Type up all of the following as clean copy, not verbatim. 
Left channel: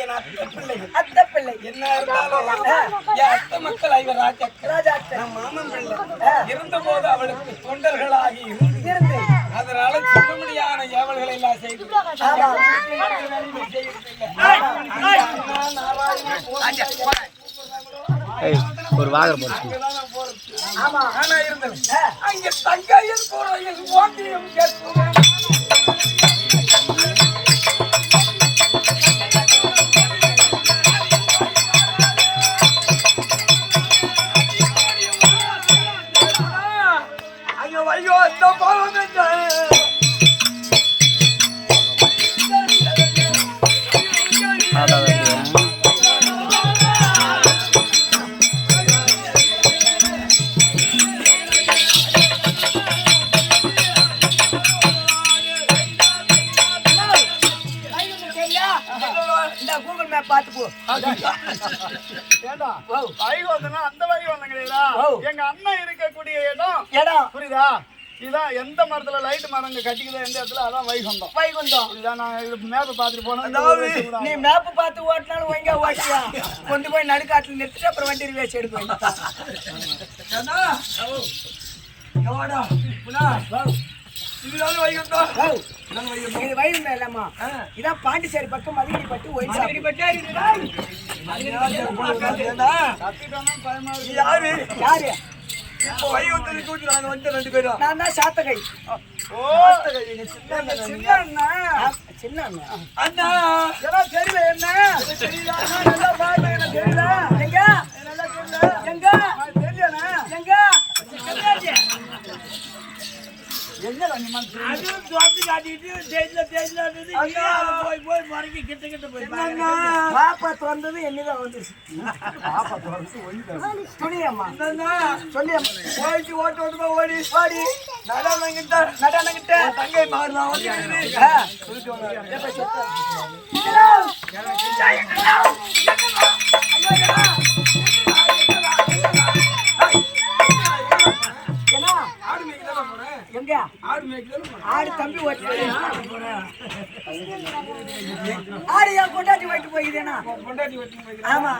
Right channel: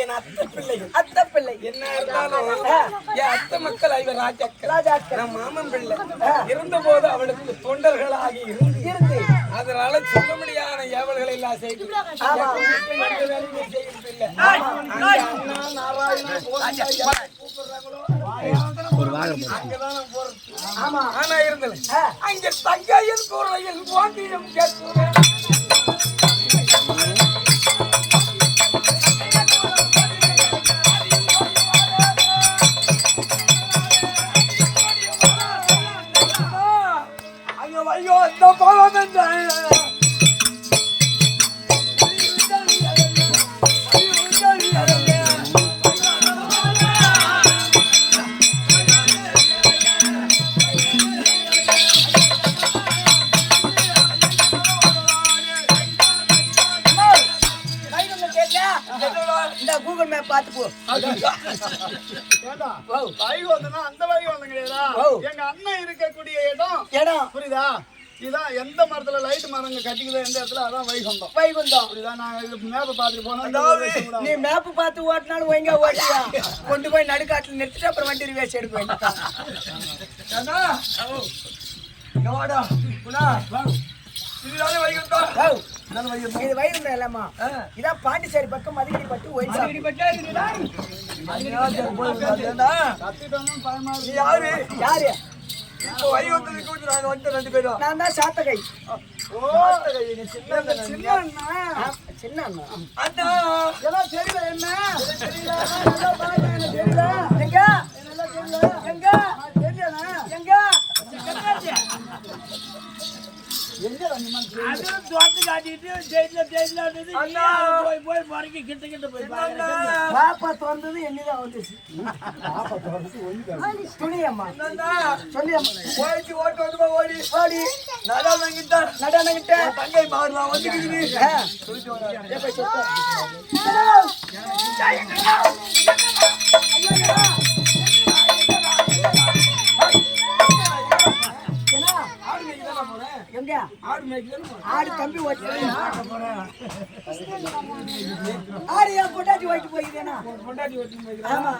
என் அத்தை பிள்ளைகள். அத்தை பிள்ளை என்ன இருந்தாலும் என் அத்தை மக்கள் ஐவர் ராஜாக்கள். நம் மாமன் பிள்ளை இருந்த போது அவளுக்கு தொண்டர்களாகி இருந்து அதனால சொல்ல முடியாத ஏவல்களை எல்லாம் செய்து வேலையுமே செய்யறது இல்லை. ஒரு வாகனம் ஆமா ஆனா இருந்தது அங்க தங்கையில் கூறையில் ஓங்கியும் கேட்கிறேன். ஐயோ அந்த பாவம் என்றாயே கூகுள் மேப் பார்த்து போ. வைகுந்தனா அந்த வைகுந்தம் கிடையாதா? எங்க அண்ணன் இருக்கக்கூடிய இடம் புரியுதா? இதான் எந்த மரத்துல லைட் மரங்க கட்டிக்குதோ எந்த இடத்துல அதான் வைகுந்தம். புரியுதா? நான் மேப்பை பார்த்துட்டு போனேன். நீ மேப் பார்த்து ஓட்டினாலும் ஒழுங்கா ஓட்டியா கொண்டு போய் நடுக்காட்டுல நிறுத்திட்டு அப்புறம் வண்டி வேஸ்ட் எடுப்பேன். இதுதானே வைகுந்தம். இது வைகுந்தம் இல்லாமா? இதான் பாண்டிச்சேரி பக்கம் மதுகிரி பட்டு யாரு யாரு இப்போ வைகுந்தத்தை கூட்டி நாங்க வந்து 2 பேரும். நான் தான் சாத்தகை. சின்ன அண்ணா அண்ணா எல்லாம் தெரியல என்ன தெரியல எங்க எங்க தெரியல எங்க அதுவும் தோத்து காட்டிட்டு ஜெயில போய் மறைக்க கிட்ட போய் பாப்பா திறந்தது என்னதான் வந்துச்சு. பாப்பா திறந்து துணியம்மா சொல்லியம்மா போயிட்டு ஓட்டு ஓடி நடனங்கிட்ட தங்கை மாறுவா வந்து ஆடு மேய்க்கு தானே போனேன். எங்க ஆடு மேய்க்கு தானே போனேன். ஆடு தம்பி ஓட்டி ஆடு என் பொண்டாட்டி ஓட்டி போய்க்குதேனா? பொண்டாட்டி ஓட்டி போய்க்கிறேன். ஆமா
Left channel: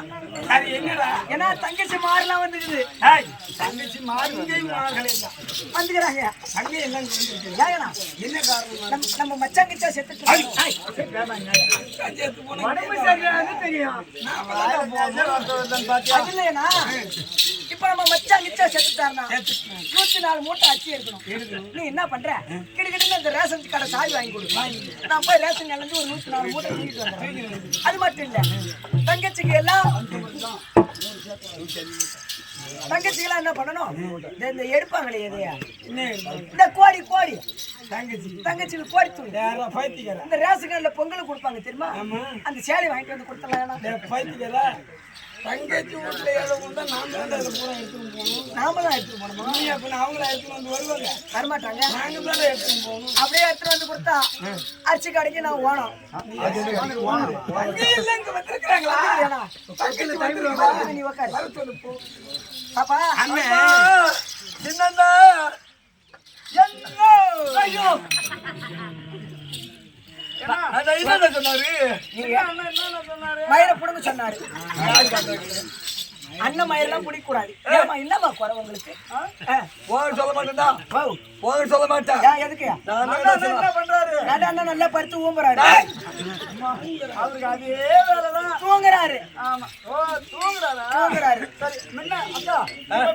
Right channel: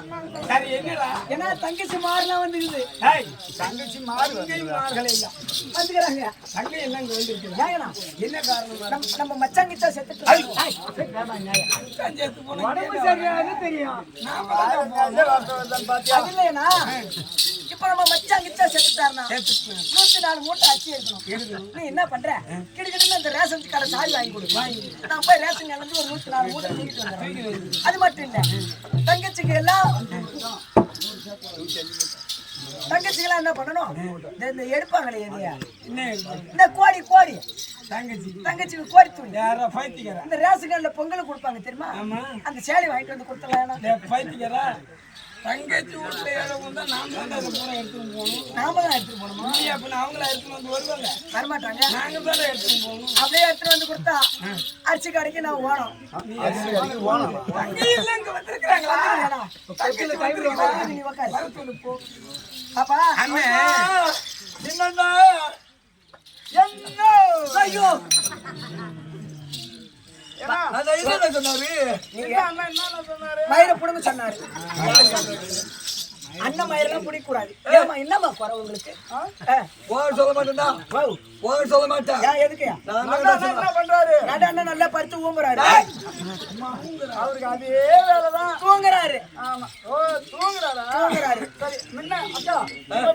சரி என்னடா ஏன்னா தங்கச்சி மாறலாம் வந்துக்குது. தங்கச்சி மாறுகளே இல்ல வந்துக்கிறாங்க. தங்கை எல்லாம் இங்க வந்து இருக்கு. ஏங்கண்ணா என்ன காரணம்? நம்ம மச்சாங்கிட்ட செத்துட்டு செத்து போன உடம்பு சரியாது தெரியும். அது இல்லையா? இப்ப நம்ம மச்சாங்கிட்ட செத்துட்டாருனா 104 மூட்டை அரிசி எடுக்கணும். நீ என்ன பண்ற? கிட்டக்கிட்ட இந்த ரேஷன் கடை சாவி வாங்கி கொடு. நான் போய் ரேஷன் கடையில இருந்து ஒரு 104 மூட்டை தூக்கிட்டு வந்துடுறேன். அது மட்டும் இல்ல தங்கச்சிக்கு எல்லாம் தங்கச்சிக்கெல்லாம் என்ன பண்ணணும்? இந்த எடுப்பாங்களே எதையா இந்த கோடி தங்கச்சிக்கு கோடி தூள் இந்த ரேஷன் கடையில பொங்கல் கொடுப்பாங்க தெரியுமா? அந்த சேலை வாங்கிட்டு வந்து கொடுத்துடலாம். தங்கச்சி வீட்டுல ஏழவும் தான் நாம தான் அதை பூரா எடுத்துன்னு போகணும். நாம தான் எடுத்துட்டு போகணுமா? அப்படின்னா அவங்கள எடுத்துன்னு வந்து வருவாங்க, வரமாட்டாங்க. நாங்க தான் எடுத்துன்னு போகணும். அப்படியே எடுத்துட்டு வந்து கொடுத்தா அரிசி கடைக்கு நான் ஓணும். தங்கை எல்லாம் இங்க வந்திருக்கிறாங்களா? நீ உக்காரு. வர சொல்லு போ. பாப்பா அண்ணன் சின்னண்ணா என்ன ஐயோ மயிரை புடுங்க சொன்னாரு. அண்ணன் மயிரெல்லாம் பிடிக்க கூடாது. ஏமா என்னமா குறை உங்களுக்கு? சொல்ல மாட்டேன்டா, சொல்ல மாட்டேன். எதுக்கு என்ன பண்றாரு? நட அண்ணன் நல்லா படுத்து ஊம்புறாரு. அவருக்கு அதே வேலைதான். தூங்குறாரு. ஆமா. ஓ தூங்குறாரா? தூங்குறாரு. சரி முன்ன அக்கா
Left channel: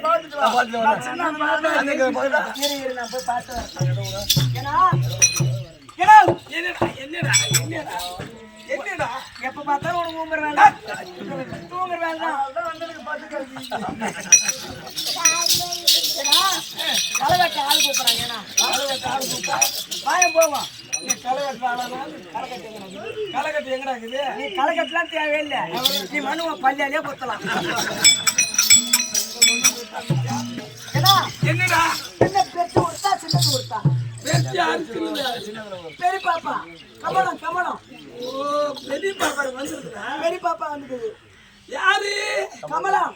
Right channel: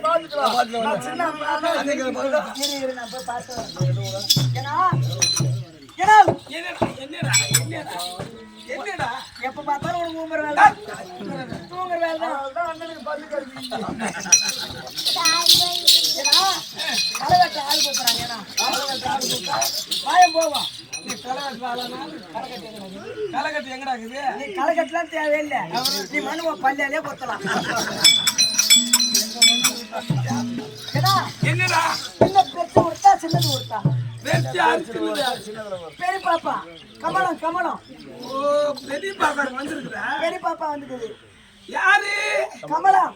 பாத்துட்டு வா. சின்ன இரு நான் போய் பார்த்தேன். என்னடா எப்ப பார்த்தாலும் உனக்கு ஊம்புற வேலை, தூங்குற வேலை தான். களை வெட்ட ஆள் கூப்பிடுறாங்க. ஏன்னா வாயம் போவோம். நீ களை வெட்டுற ஆளானாலும் களை கட்டு எங்கடா இருக்குது? நீ களை கட்டலாம் தேவையில்லை. நீ மனுவ பள்ளியாலே கொத்தலாம். என்னடா சின்ன பெருசு கொடுத்தா சின்னது கொடுத்தா பெரிய பாப்பா கமலம் கமலம். ஓ பெரிய பாப்பா வந்துருக்குதா? பெரிய பாப்பா வந்துக்குது. யாரு? கமலம்.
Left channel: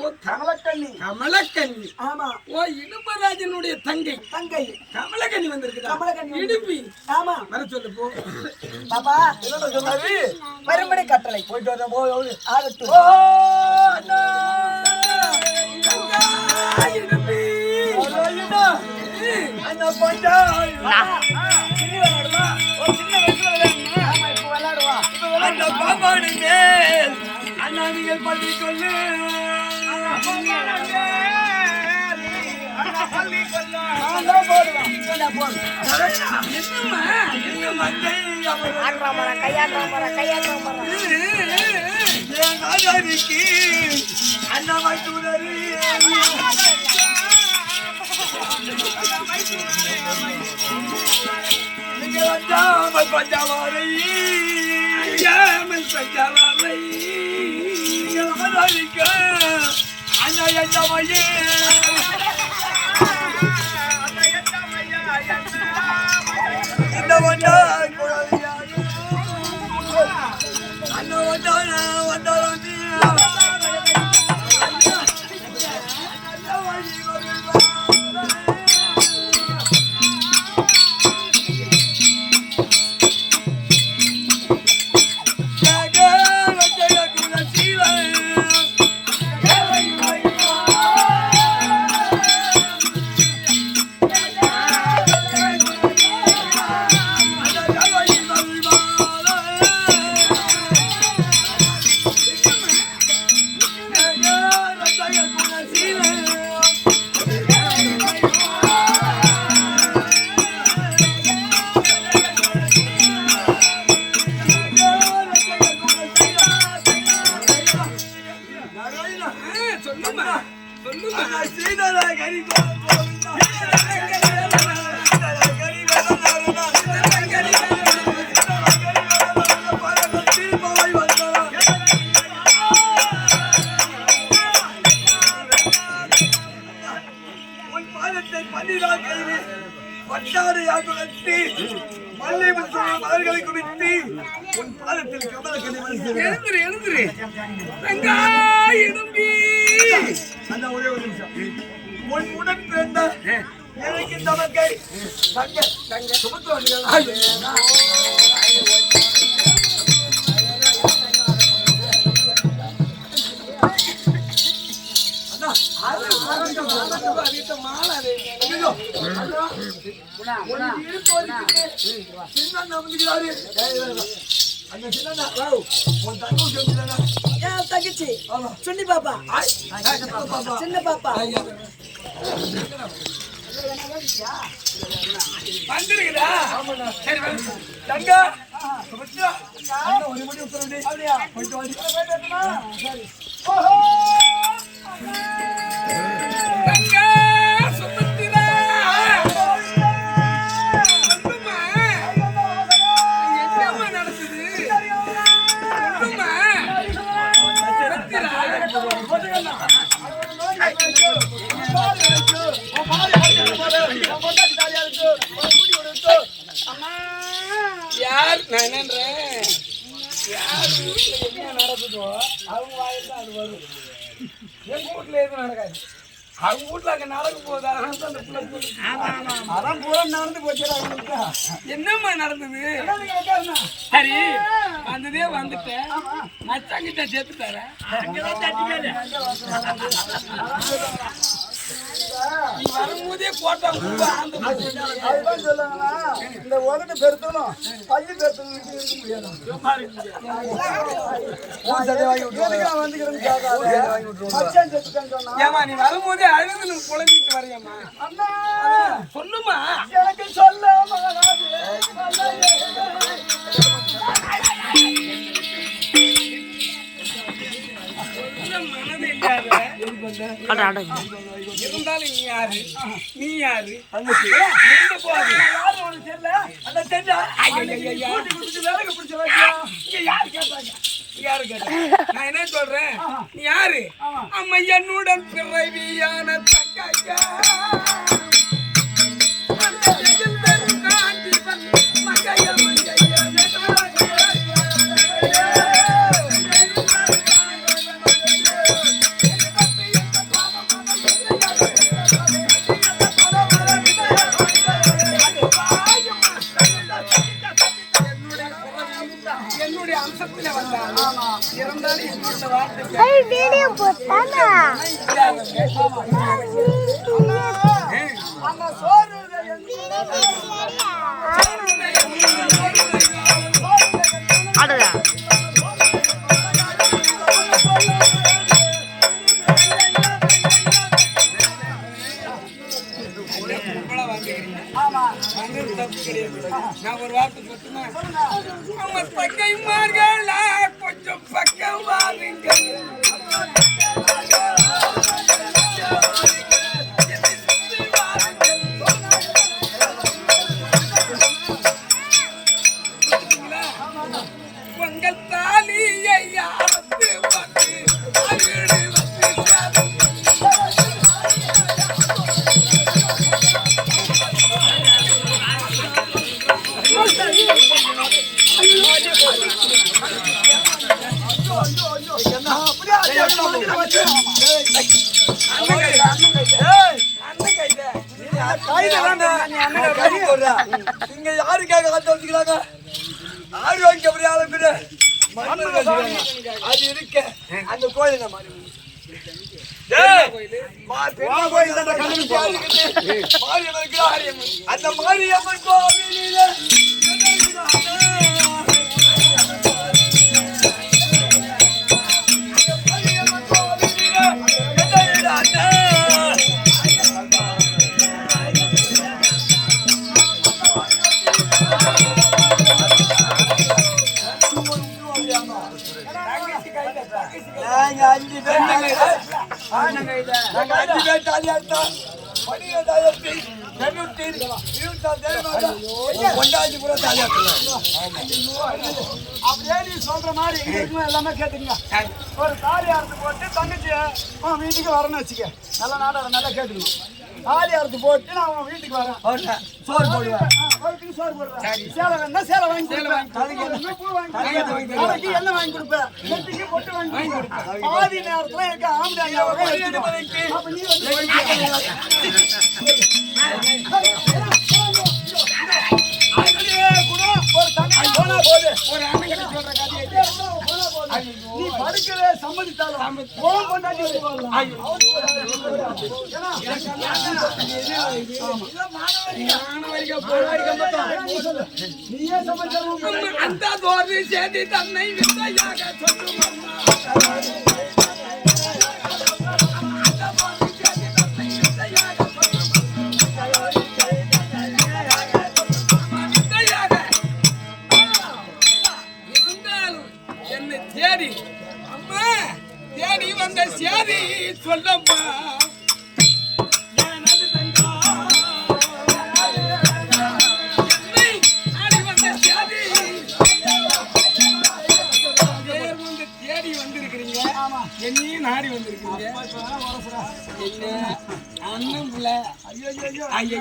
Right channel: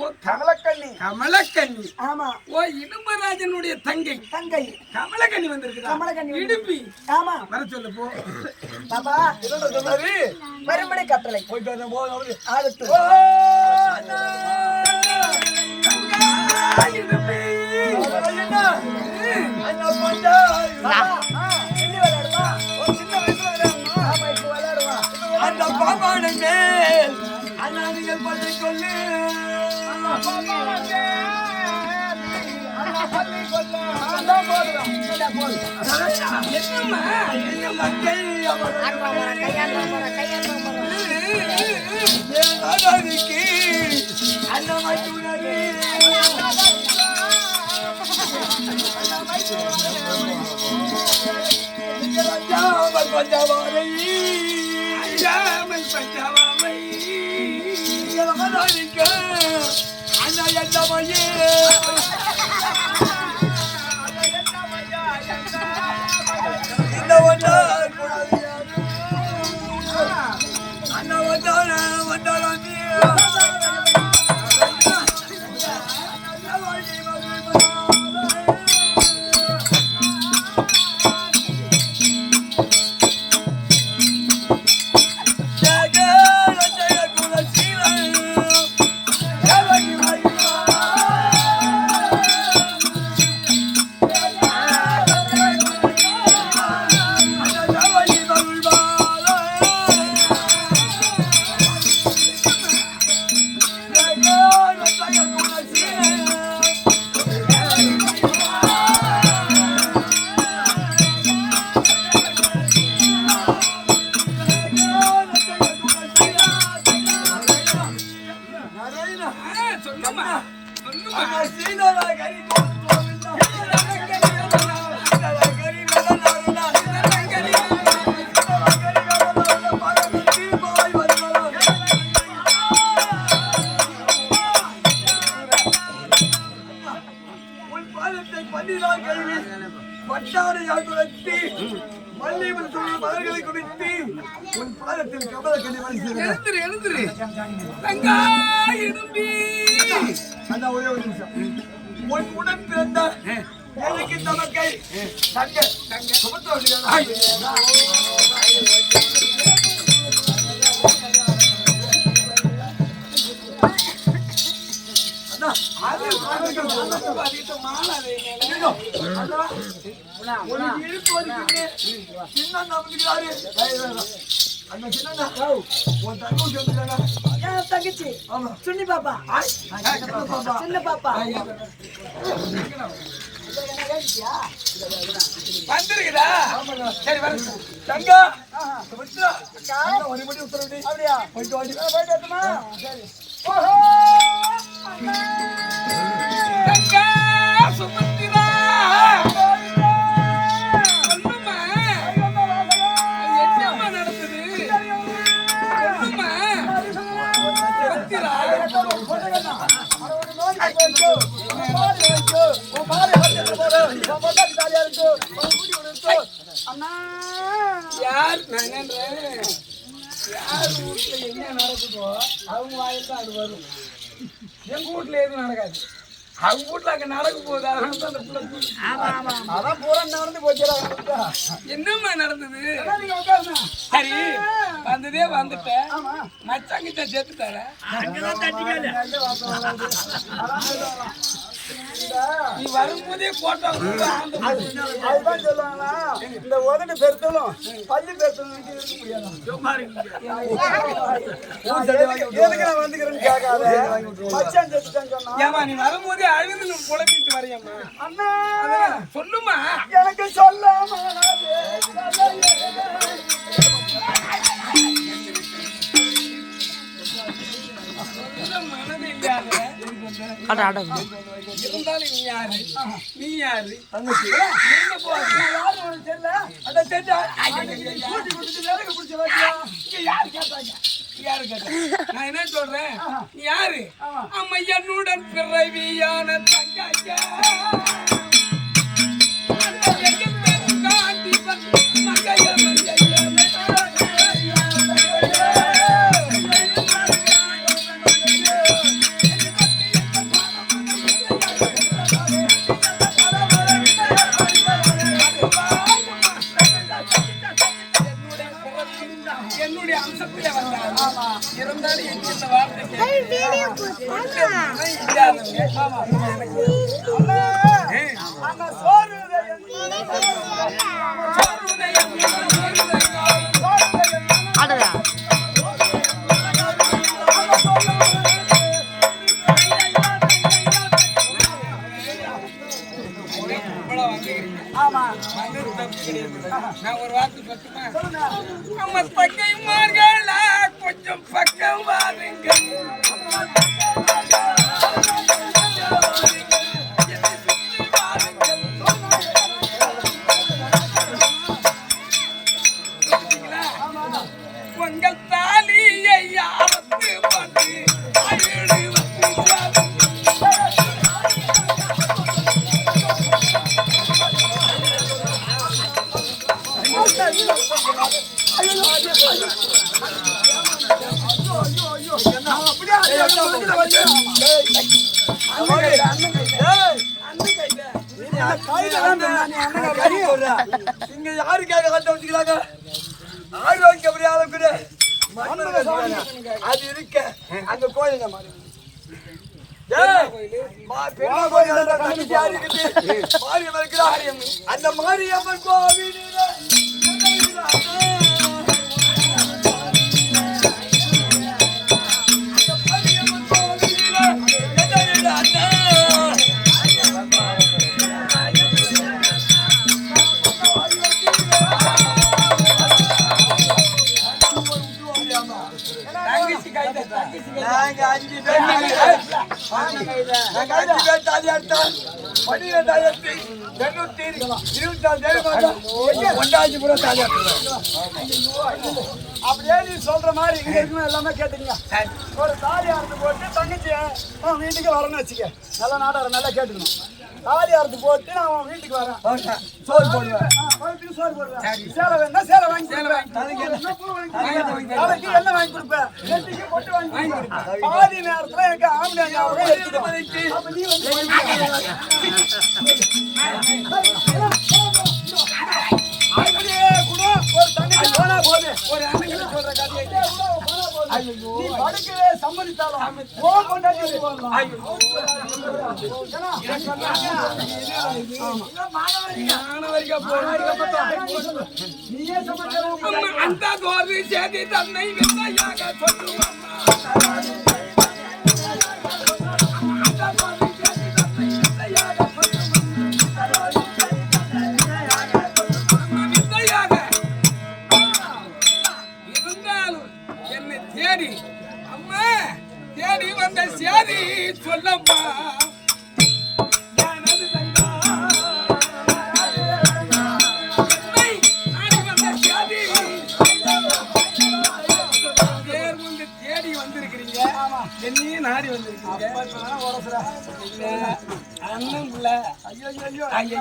ஓ கமலக்கண்ணி. கமலக்கண்ணி. ஆமா. ஓ இடும்பராஜனுடைய தங்கை. தங்கை கமலக்கண்ணி வந்திருக்குதா? கமலக்கண்ணி இடும்பி. ஆமா. வர சொல்லு போ. பாப்பா என்னடா சொன்னாரு? வரும்படி கட்டளை போயிட்டு வரேன் போய் அவரு ஆகட்டும். சின்னி விளையாடுவா? சின்ன வயசுல விளையாடணும். ஆமா, இப்ப விளையாடுவா. அந்த பாம்பானை மேல் அண்ணா நீங்கள் பள்ளி சொல்லு அண்ணா பள்ளி கொல்ல அவன் தான் போடுவான். சொன்னா போடு. என்னம்மா நீங்க மக்கள் அவன் என் நாடாரிக்கு அண்ணா மைத்துனரு நீங்கள் அஞ்சாமல் பஞ்சாவாரை அஞ்சாமல் பஞ்சாவை நீங்கள் நாடாரிக்க அண்ணா எண்ணமையே இந்த வந்தார் குழந்தையாரு அண்ணா வந்தான வந்தாராங்க சொல்லுமா சொல்லுமா உன் பாதத்தில் கமல கனிமணி எழுந்துரு எழுந்துரு தங்கா எறும்பி அண்ணா ஒரே ஒரு நிமிஷம் உன் உடன் பிறந்த எனக்கு தமக்கை தங்க தங்க மாலை சின்ன நம்பிக்கிறாரு அண்ணா சின்ன உன் தங்க சொல்லுங்க ஏன் தங்கச்சி? ஆமா சுன்னி பாப்பா, சின்ன பாப்பா. வந்துருக்குதா சரி வந்து தங்கா சுமித்ரா அண்ணா ஒரு மணி உத்தரவு அப்படியா போயிட்டு வாடி போயிட்டு வரட்டுமா? சரி. தங்கா சுமந்திரா சொல்லுமா என்னம்மா நடக்குது சொல்லுமா சுமந்திரா யார் நான் என்னன்றேன் யார் வீட்டுல என்ன நடக்குதோ அவங்க வாயில் தான் அது வரும். எங்க வீட்டுல எதுவும் நடக்காது. அவங்க வீட்டுல அங்க நடக்க போகுது. அதனால தான் அந்த பிள்ளை சொல்லுது. அதான் பூரா நடந்து போச்சுடா என்னம்மா நடந்தது? நீங்க உட்காருங்க சரி வந்ததே வந்துட்டேன். மச்சாங்கிட்ட சேர்த்துட்டார நீ வரும்போதே போட்டா அதுதான் சொல்லுவாங்களா இந்த உதட்டு பெருத்தலும் பள்ளி பெருத்தலும் இருக்க முடியாது வந்துக்கிறேன்னு கேட்காத மச்சான் செத்துட்டேன்னு சொன்னா ஏமா நீ வரும்போதே அழுது குழம்பிட்டு வரையம்மா அண்ணா சொல்லுமா எனக்கு சொல்லாம மனது இல்லாத இருந்தாலும் நீ யாரு நீ யாரு எங்க போகுது யாரும் உனக்கு தெரியல அந்த தெரியல வேலைக்கு பிடிச்ச வைக்கலாம் இங்க யாரு கேட்டாங்க யாரு கேட்டாங்க நான் என்ன சொல்றேன் நீ யாரு அம்மா என்னுடன் பிறவியான தங்கா காட்டி மங்கைய மங்கைய என்னுடைய அம்சத்திலே வந்தாலும் இருந்தாலும் எங்க இந்த வார்த்தை கேட்க நான் ஒரு வார்த்தை சொல்லுமா? நம்ம பக்கைமார்கள கொஞ்சம் பக்கம் வாருங்கள். உங்கள் தாலியை அறுத்து பார்த்து இங்க யாருக்காக கட்ட வச்சுக்கிறாங்க? ஆரோக்கிய அது இருக்க அந்த கோயில் அந்த மாரியம்மன் கோவிலில் அப்படியே நீ சொல்ற மாதிரி இங்க இருக்குன்னு எல்லாமே கேட்டுங்க. ஒரு தாலி அறுத்து போட்டு தங்கச்சி வீட்டுக்கு வரணும்னு வச்சுக்க. நல்ல நாடார நல்லா கேட்டுக்கணும். தாலி அறுத்து போட்டு நான் உன் வீட்டுக்கு வரேன், சோறு போடுவேன், சோறு போடுவேன், சேலை வேணா சேலை வாங்கி கொடுப்பேன், தலைக்கு எண்ணெய் வாங்கி கொடுப்பேன், நெத்திக்கு பொட்டு வாங்கி கொடுப்பேன். பாதி நேரத்துல எனக்கு ஆம்பளை அப்ப நீ வந்து ஒரு தங்கச்சி போனா போது ஒரு அண்ணன் சொல்ற கதையை நீ படிக்கவே சம்மதித்தாலும் போன் கொண்டாடி நீயே சம்மதித்தாலும் அந்த தோல்வி செய்தி தன்னை வித்தையாக சொல்லும் தேடி அம்மா தேடி வந்த சேதி சொல்லம்மா தேடி வந்திருக்கிறீங்க, என்னையும் நாடி வந்திருக்கீங்க. அண்ணன் பிள்ளை ஐயோ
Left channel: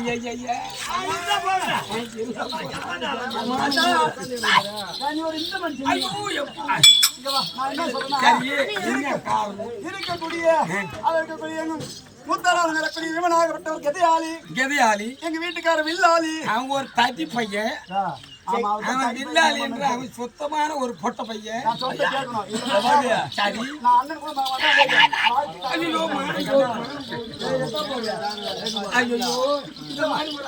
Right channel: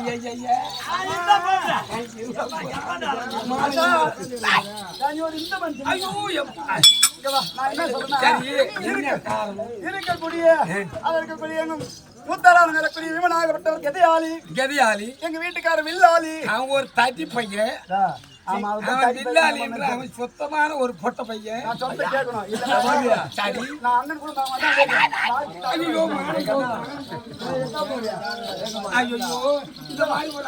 இருக்கக்கூடிய விமனாகப்பட்டவர் கெதியாளி, எங்க வீட்டுக்காரர் வில்லாளி. அவங்க ஒரு தட்டி பையன், அவன் வில்லாளி என்று அவன் சுத்தமான ஒரு பொட்ட பையன். சரி ஐயோ ஐயோ இந்த மாதிரி ஒரு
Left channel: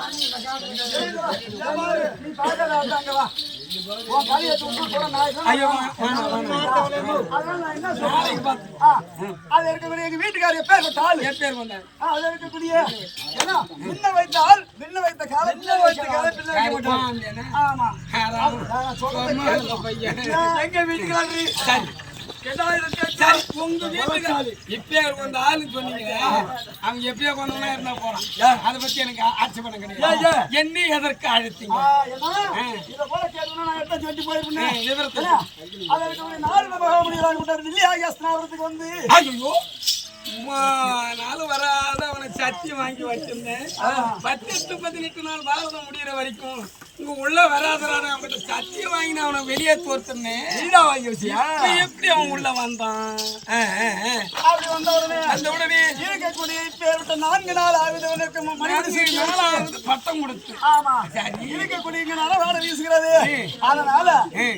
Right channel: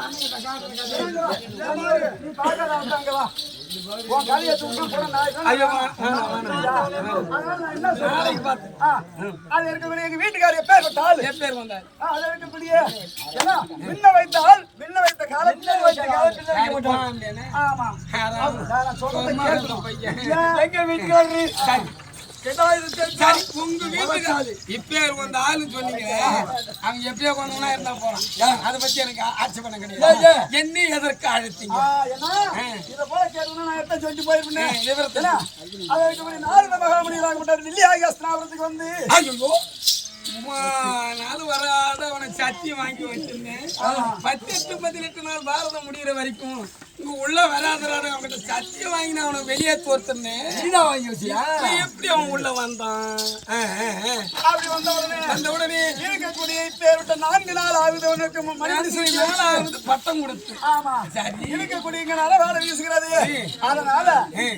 எங்க வீட்டுக்காரர் எப்பேர் பட்டால் பேர் வந்தார். அது இருக்கக்கூடிய விண்ண வைத்தால் விண்ண வைத்த காலம் ஆமா எங்க வீட்டுக்காரரு சரி உங்க வீட்டுக்காரரு இப்பேர் வந்த ஆளு சொன்னீங்க, அவங்க எப்பயோ கொண்டவனா இருந்தா போறான். அதை பத்தி எனக்கு ஆட்சேபணம் கிடையாது. என்ன எதற்கு அழுத்தீங்க? இதை போல கேட்கணும் நான் எடுத்து சொல்லி போயிருப்பேன். நாரத மகாமுனிவராகப்பட்டார் டெல்லி ஆகியாஸ்தினாபுரத்துக்கு வந்து ஐயோ நாள் வராத அவனை சத்தி வாங்கி வச்சிருந்தேன். 18 நாள் பாரதம் முடிகிற வரைக்கும் இங்க உள்ள வராதரான அவன்கிட்ட சத்தியம் வாங்கி நான் அவனை வெளியே தோர்த்தனே. நீதான் வாங்கி வச்சியா? எப்படி அவன் உள்ள வந்தான்? அப்படி வந்த உடனே இருக்கக்கூடிய இப்பேற்பட்ட 4 நாள் ஆகுது உனக்கு பட்டம் கொடுத்து. ஆமா சரி இருக்கக்கூடிய இங்க நரவாட வீசுகிறது. அதனால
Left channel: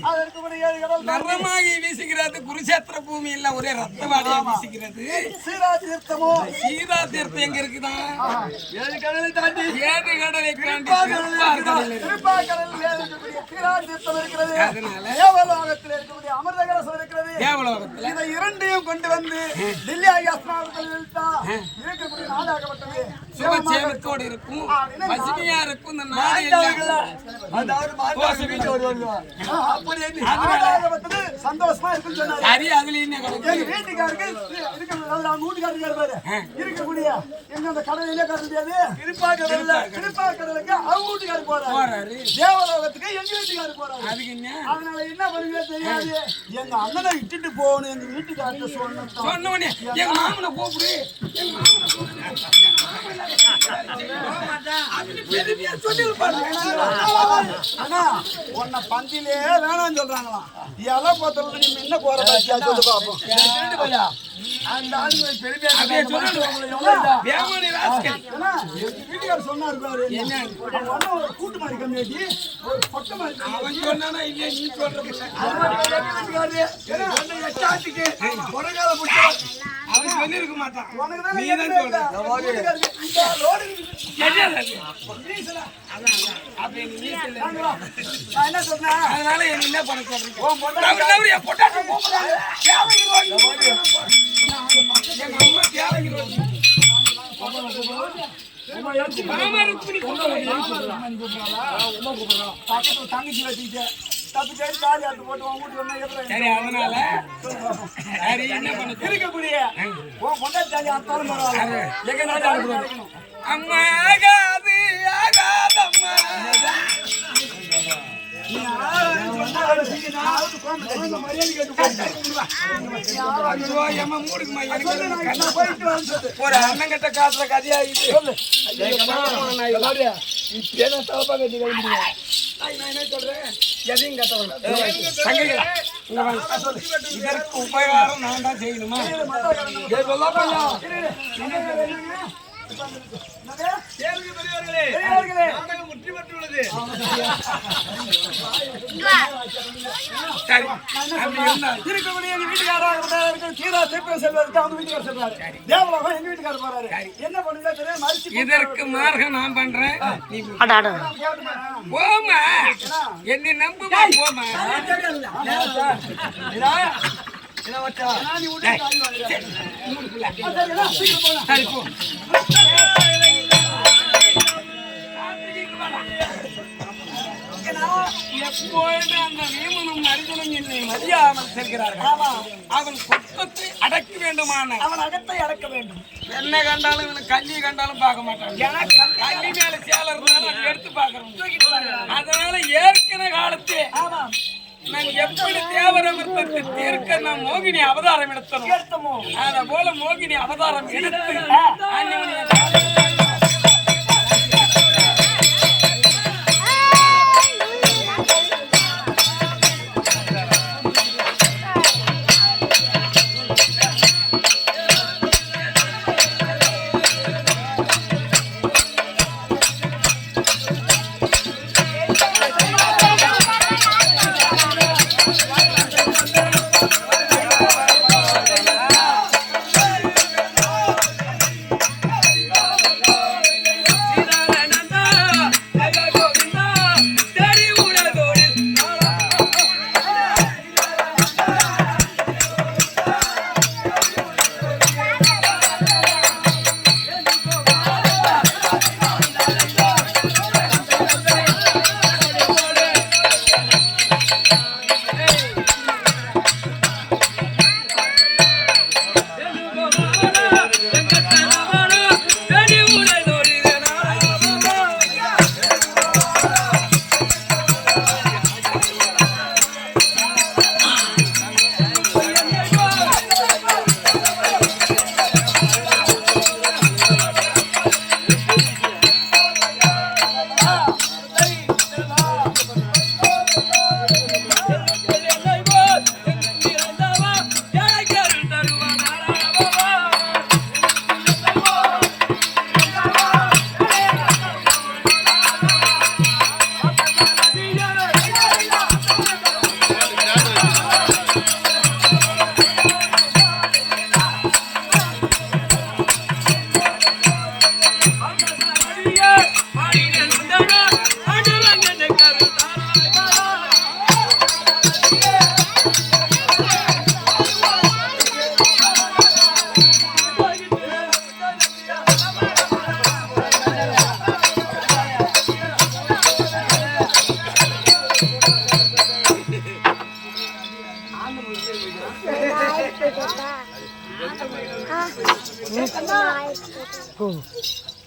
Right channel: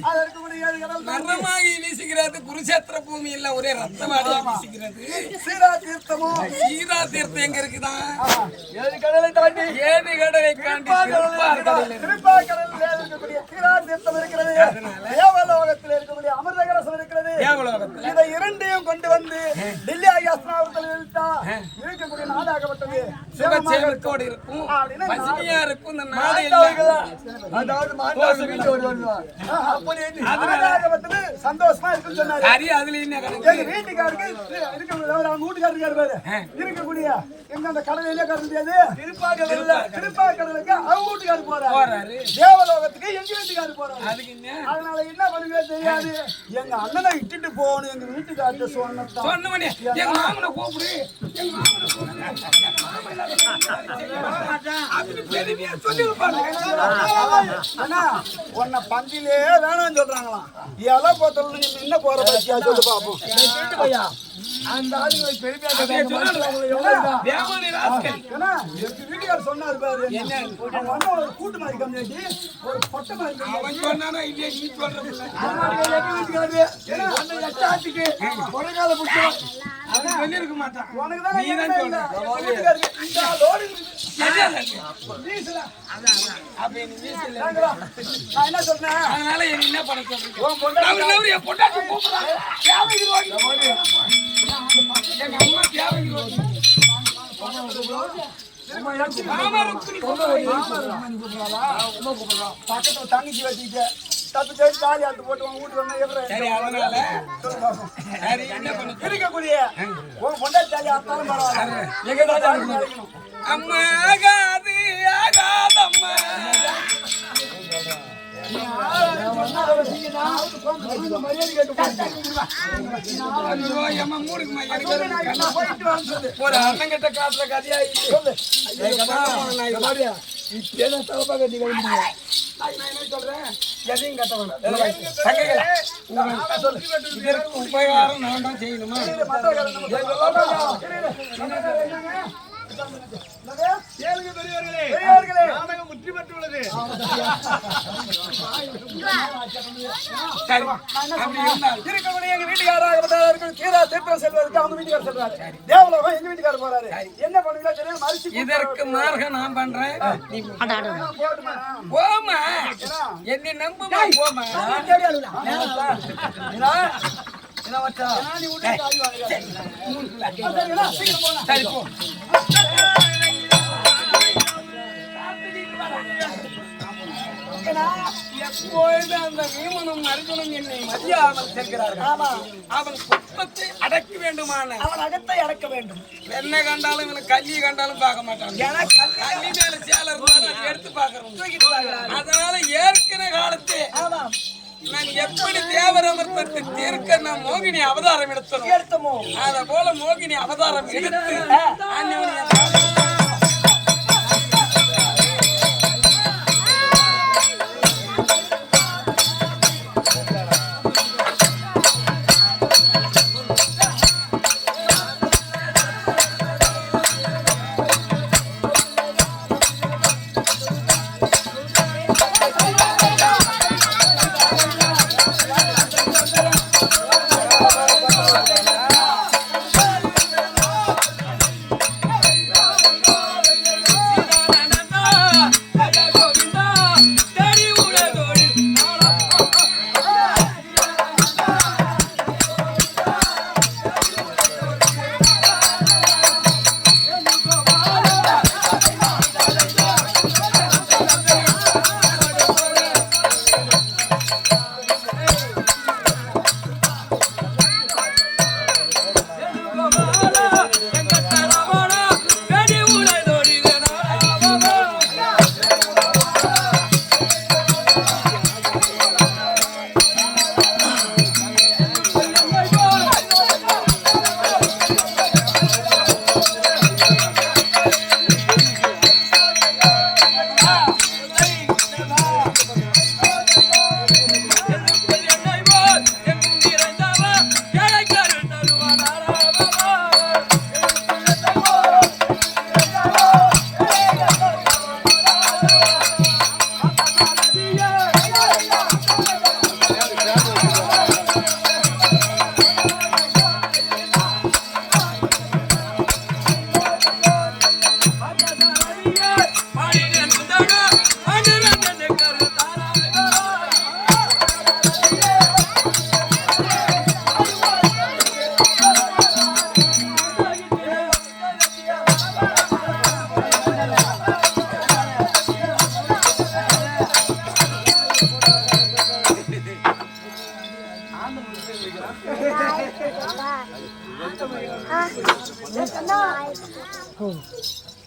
அது இருக்கக்கூடிய 7 கடல் நரமாகி வீசுகிறது. குருஷேத்திர பூமி இல்ல ஒரே ரத்தவாடியா வீசுகிறது. சீரா தீர்த்தமோ சீரா தீர்த்தம் எங்க இருக்குதான்? 7 கடலை தாண்டி 7 கடலை தாண்டி திருப்பாக்கடலில் இருக்கக்கூடிய சீரா தீர்த்தம் இருக்கிறது. தேவலோகத்தில் இருக்கக்கூடிய அமிர்த கலசம் இருக்கிறது. தேவலோகத்துல இதை இரண்டையும் கொண்டு வந்து டெல்லி ஆயாசனாவர்கள் இருக்கக்கூடிய நாடாகப்பட்டது சுபச்சேமத்தோடு இருக்கும், பசுமையா இருக்கும். இந்த நாடு அதாவது மாதாசு வீட்டு வருவாங்க. அப்படி நாடாகப்பட்டது சந்தோஷமா இருக்குன்னு சொன்னாரு. சரி, அதுல என்ன எங்க வீட்டுக்காருக்கு அவங்க வீட்டுக்காரருக்கு இருப்பாரு இருக்கக்கூடிய எங்க அந்த கடலையிலே கடல் முடியாது. திருப்பாக்கடலுக்கு அவங்க வீட்டுக்காரு போறாரு, தேவலோகத்துக்கு எங்க வீட்டுக்காரு போறாரு. அதுக்கு என்ன? அதனால என்ன பண்ணுவே தெரியாது. எங்க அண்ணனை விட்டுட்டு போகணும் எங்க வீட்டுக்கார்ட்ட சொன்னவனே எங்க மாமனை கூப்பிடு, எங்க மாமனை கூப்பிடு. உன்னை பந்திலே வேணாம்னு சொல்றாங்களாம். இலை போத்தல நீ என்ன போற பத்தியா சொல்லு பாப்போம். அந்த ஆளுங்களை பெருமையா வீட்டுக்காரர் சொன்னாரு பாரு, அவங்க ஒரு கூட்டு மாதிரி கம்மியாக்கி ஒரு கொட்டை மாதிரி அவன் சொன்னானா இல்லையா நீ சொல்ற இருக்க மாட்டான். நீதான் சொல்ற. அப்ப நீ வீசுல நான் என்ன சொன்னேன்? அதனால நீ என்ன பண்ண சொல்றீங்க? பொண்டாட்டி கூப்பிடுறாங்க. எங்க அம்மா தேவைக்கு பக்கத்துல தங்கச்சி வச்சுக்கிட்டு தப்பு செய்து காரி ஆட்டு போட்டு உன் வீட்டுக்கு வந்தா எப்படி? சரி, அதனால சரி என்ன பண்ண இருக்கக்கூடிய உன் பொண்டாட்டி தாலி ஆத்தாலும் பரவாயில்ல. எங்க தாத்தா அம்மா ஆகாது ஆகாதம்மா ஒரு அண்ணங்கிட்ட காட்டுற கதையா எதையும் கட்டணும். இதற்கு உபகாரம் நான் தான் செய்யணுமா? இருக்கக்கூடிய எங்க வீட்டுக்காரர் கீழா திருப்பம் செல்வதற்கு அவங்க வீட்டுக்காரர் சொல்றாரு. தேவலோகம் எங்க வீட்டுக்காரர் போறாரு. என்ன பண்ணுங்களா தெரியும் மறுச்சு இதற்கு மார்க்கம் நான் பண்றேன். நீ போமா, என்னை நம்புமா, போமா. சரி போ. எப்பொழுது அந்த வீமனும் அர்ஜுனும் என்னை மதியாமல் செல்கிறார்கள். அவன் குற்றத்தை அடக்க வேண்டுமான அவன் அகத்தை அடக்க வேண்டும். என்ன கண்டாலும் இவனை கல்வி கண்டாலும் பார்க்க மாட்டான். கல்வி மேல சேல இருந்தாலும் அதை எடுத்து பாக்குறோம். அதனால ஏற்கனவே காலத்தே நான் எப்படி தேவர் அமர்த்தத்தை தீர்க்க நான் மோகினி அவதாரம் எடுத்தனோ அத போல மோகினி அவதாரம் எடுத்து அன்னைய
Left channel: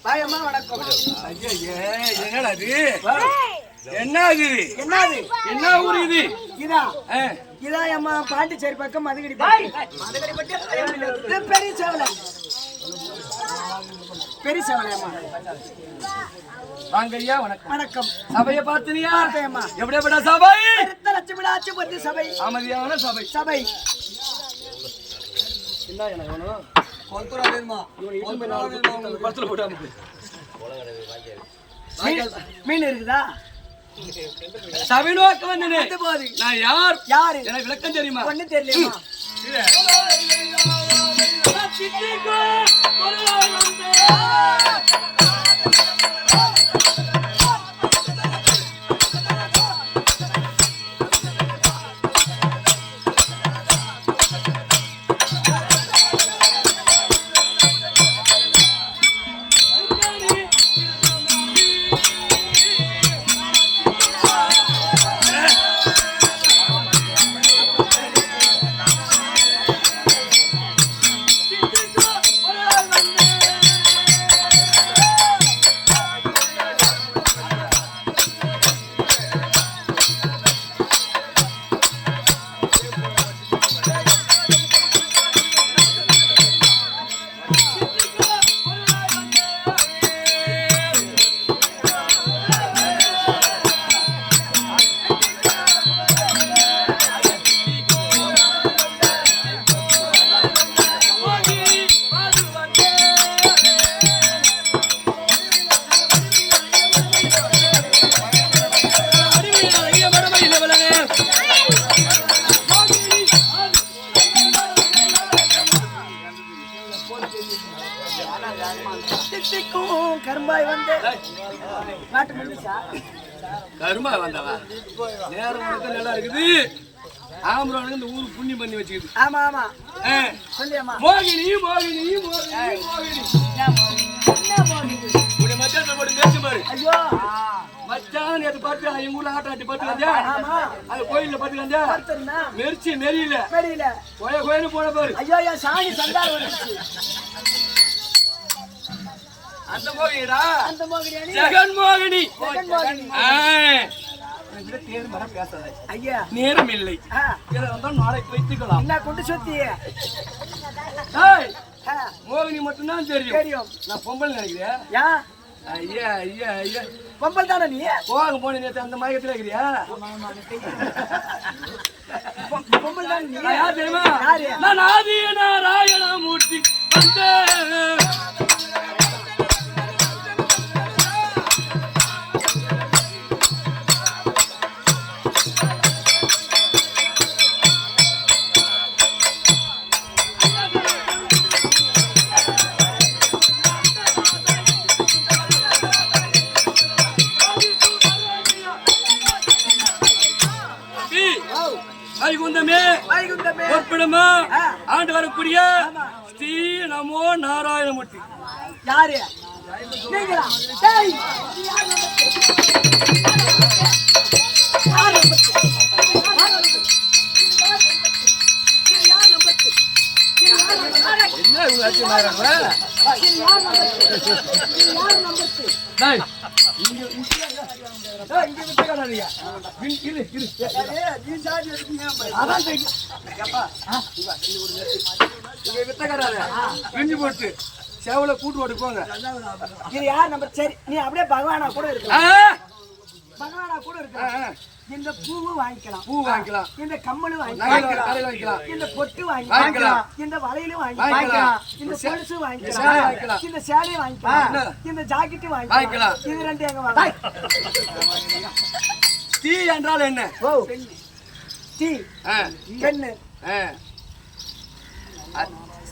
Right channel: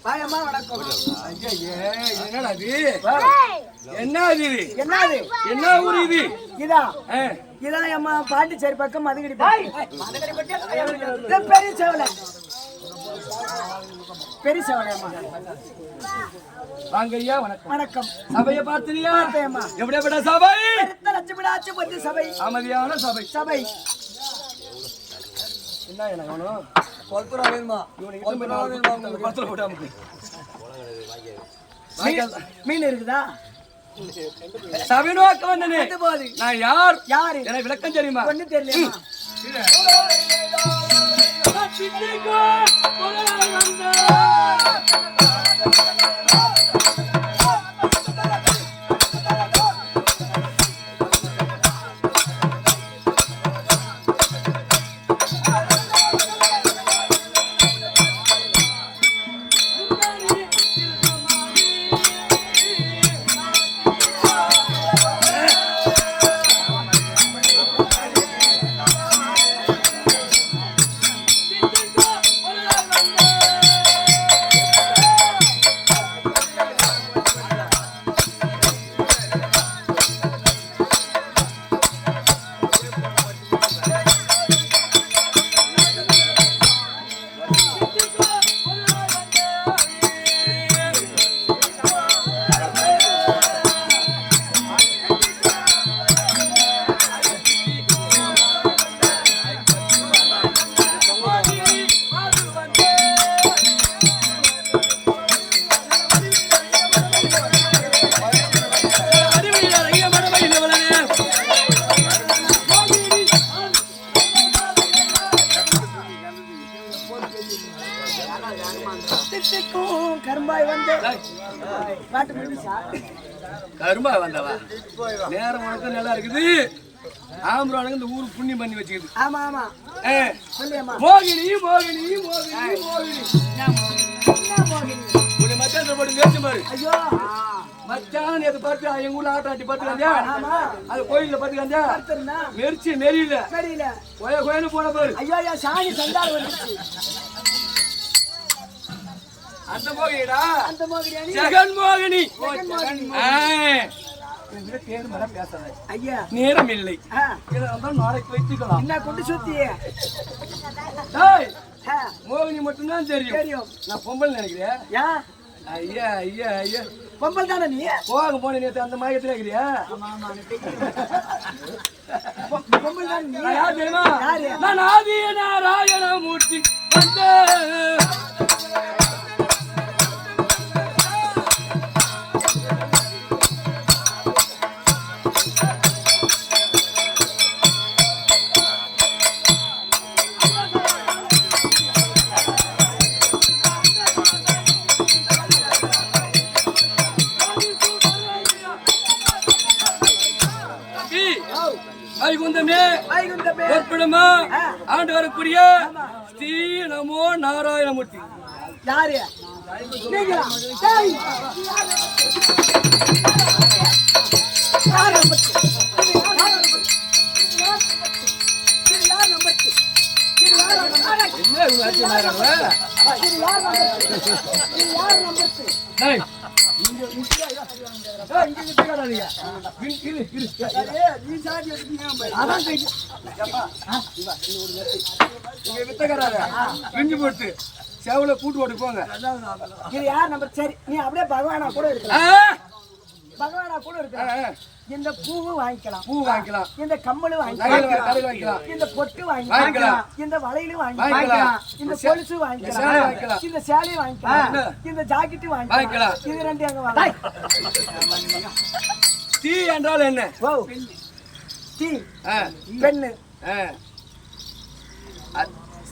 வாயம்மா வணக்கம். என்னடா இது? என்ன இது? என்னது? என்ன ஊர் இது? இதான் இதான் அம்மா பாண்டிச்சேரி பக்கம் மதுகடி பெரிய சேவலை பெரிய சேவலையம்மா. வாங்க ஐயா, வணக்கம். வணக்கம். சபையை பார்த்தீங்களா? பார்த்தேம்மா. எப்படியாப்பட்ட சபை? லட்சுமிடாச்சு பத்தி சபை, அமைதியான சபை. சபை. என்ன என்ன வேணும்? கொல்துரா வேணுமா? கொல்துரா வேணுமா? உங்களுக்கு கொல்துரா போட்டாம மீன் இருக்குதா? சபை நோக்க வந்தனே. போது நான் யார்? யாரு? எனக்கு விளக்கம் தெரியுமா? ஒண்ணு தெரியலையா? கரும்பாய் வந்து பாட்டு முடிஞ்சா கரும்பா வந்தவா நேரம் உனக்கு நல்லா இருக்குது. ஆம்பரானுக்கு இந்த ஊருக்கு புண்ணியம் பண்ணி வச்சுக்குது. ஆமா ஆமா சொல்லியம்மா. மோகினி மோகினி மோகினி மோகினி உன்னை மச்சான் போட்டு மேய்ச்சி பாரு. ஐயோ மச்சான் நேற்று பார்த்து எங்க ஊர்ல ஆட்டம் ஆட்டி பார்த்து வந்தியா? ஆமா அது கோயில்ல பார்த்து வந்தியா? மெரிச்சு மெரியல மெரியல கோய கோயின்னு போன பாரு. ஐயோ என் சாணி சந்தால் வந்துருச்சு. அந்த மோகினிடா, அந்த மோகினி ஜெகன் மோகினி. பேரு மேல பேசாத ஐயா, நேரம் இல்லை. நாளைக்கு வைத்துக்கலாம். என்ன கொண்டு சுத்தி மோகினி மட்டும்தான் தெரியும். நான் பொம்பளை நினைக்கிறேன். ஐயா ஐயா ஐயா பொம்பல் தானே நீ? கோவாங்க போன நேற்று அந்த மயக்கத்துல இருக்கிறியா? பொம்பல் தான் நீ? யார் தெரியுமா? நான் ஆதி நாராயண மூர்த்தி வந்த பொற்படமா ஆண்டு வரக்கூடிய ஸ்ரீ நமோ நாராயணமூர்த்தி. யாரு நீங்களா? போட்டு சேவல கூட்டு ஓட்டு போங்க. இது யார் நம்பர்? சரி, நீ அப்படியே பகவானா கூட இருக்கலாம். பகவானா கூட இருக்கலாம். இந்த பூவு வாங்கிக்கலாம், பூ வாங்கிக்கலாம். இந்த கம்மலு வாங்கிக்கலாம், இந்த பொட்டு வாங்கிக்கலாம், இந்த வளையல் வாங்கிக்கலாம், இந்த கொலுசு வாங்கிக்கலாம், இந்த சேலை வாங்கிக்கலாம், இந்த ஜாக்கெட் வாங்கிக்கலாம். இது ரெண்டு எங்க வாங்க? தீ என்றால் என்ன? தீ பெண்ணு.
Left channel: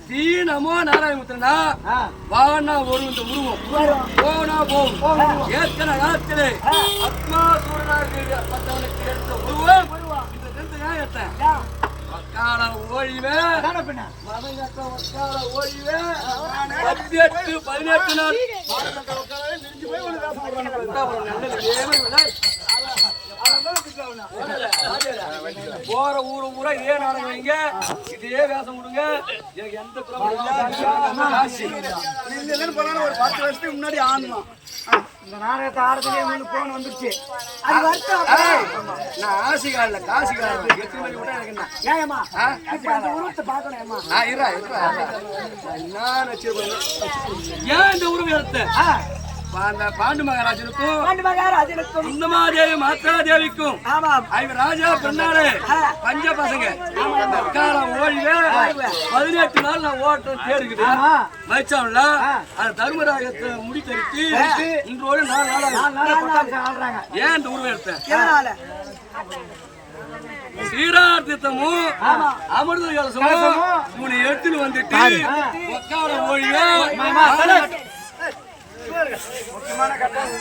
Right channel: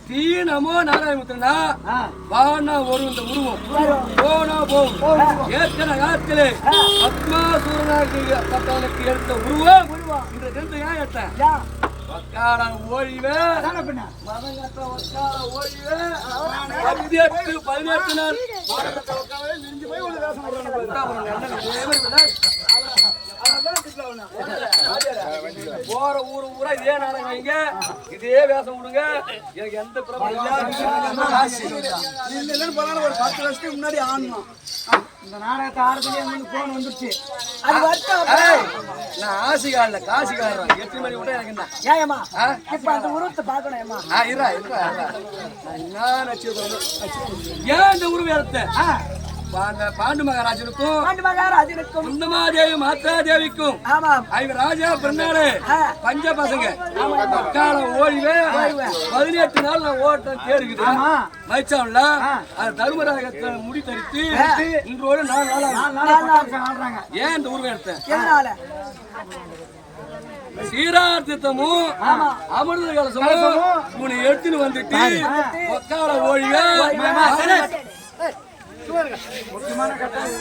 ஸ்ரீ நமோ நாராயணமுத்திரனா வானா ஒரு இந்த உருவம் போனா போகும். ஏற்கன காலத்திலே பத்மாசூரனாக பத்தவனுக்கு எடுத்த உருவம் இந்த தினத்தை ஏன் எடுத்தேன்? வக்கால ஓழிவே மதங்கட்ட வக்கால ஓழிவே 18 நாள் நல்ல போற ஊரு ஊரா இதே நாடகம் வைங்க, இதே வேஷம் விடுங்க. எனக்கு எந்த இல்லைன்னு போனாலும் ஒரு 10 வருஷத்துக்கு முன்னாடி ஆடணும். இந்த நாடகத்தை ஆடுறதுலயே வந்து போன் வந்துருச்சு. அது வருத்தம். நான் ஆசிகாரல காசிகாரன். எத்தனை மணி விட்டா எனக்கு என்ன? ஏமா இப்ப அந்த உருவத்தை பாக்கணும். ஏமா நான் என்ன வச்சிருப்பேன். ஏன் இந்த உருவம் எடுத்த? அந்த பாண்டு மகாராஜனுக்கும் குந்தமாதேவி மாத்ராதேவிக்கும் ஐவர் ராஜா பிறந்தாரு. பஞ்ச பசங்க மக்கால ஓய்வே 18 நாள் நான் ஓட்டம் தேடுக்குது. மயிச்சாவுல அந்த தர்மராஜத்தை முடி தரித்து இன்றோடு 4 நாள். ஏன் இந்த உருவம் எடுத்தேன்? சீரார்த்தமும் அமிர்த கலசமும் உன்னை எடுத்துன்னு வந்துட்டு மக்கால ஓய்வே முக்கியமான கட்டம்.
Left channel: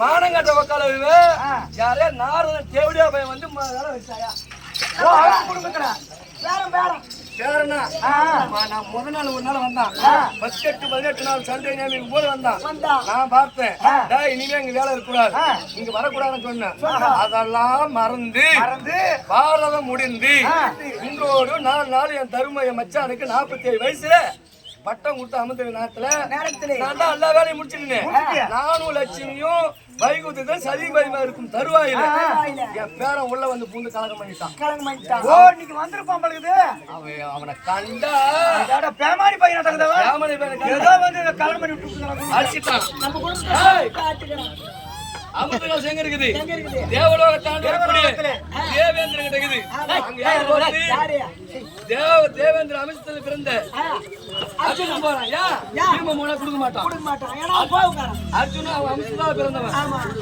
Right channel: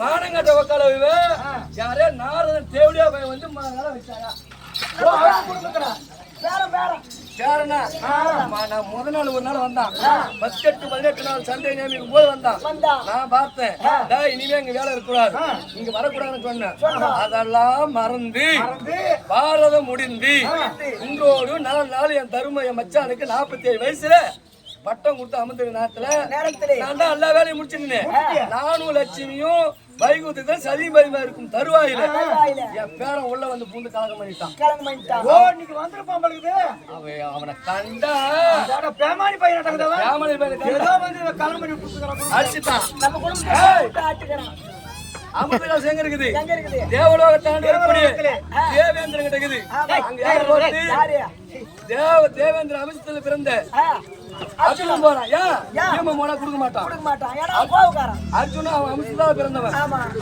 மானங்கட்ட வக்கால யாரே நாரதன் தேவடியா பையன் வந்து வேலை வச்சாயா? நான் முத நாள் ஒரு நாள் வந்தான். 18 நாள் சண்டை நேமிக்கும் போது வந்தான். நான் பார்த்தேன், இனிமே இங்க வேலை இருக்கக்கூடாது, இங்க வரக்கூடாதுன்னு சொன்னேன். அதெல்லாம் மறந்து பாரதம் முடிந்து இன்றோடு 4 நாள் என் தரும என் மச்சானுக்கு 47 வயசுல பட்டம் கொடுத்து அமர்ந்த நேரத்துல நான் தான் எல்லா வேலையும் முடிச்சிருந்தேன். நானும் லட்சுமியும் வைகுந்தத்தில் சதிமதிமா இருக்கும் தருவாயில என் பேரன் உள்ள வந்து பூந்து கலகம் பண்ணிட்டான். இன்னைக்கு வந்திருப்பான் பழகுது. அவனை கண்டா பேமானி பையன் கலகம் பண்ணி விட்டு அடிச்சுட்டான். நம்ம குடும்பம் அமிர்த கலசம் எங்க இருக்குது? தேவலோக தாண்டி வரக்கூடிய தேவேந்திரன் கிட்ட இருக்குது. அங்க யாரு போட்டு தேவேந்திர அமிர்தத்துல பிறந்த அர்ஜுனன் போறான். ஏன் போனா கொடுக்க மாட்டான். அர்ஜுனா அவன் அமிர்தத்தால பிறந்தவன்.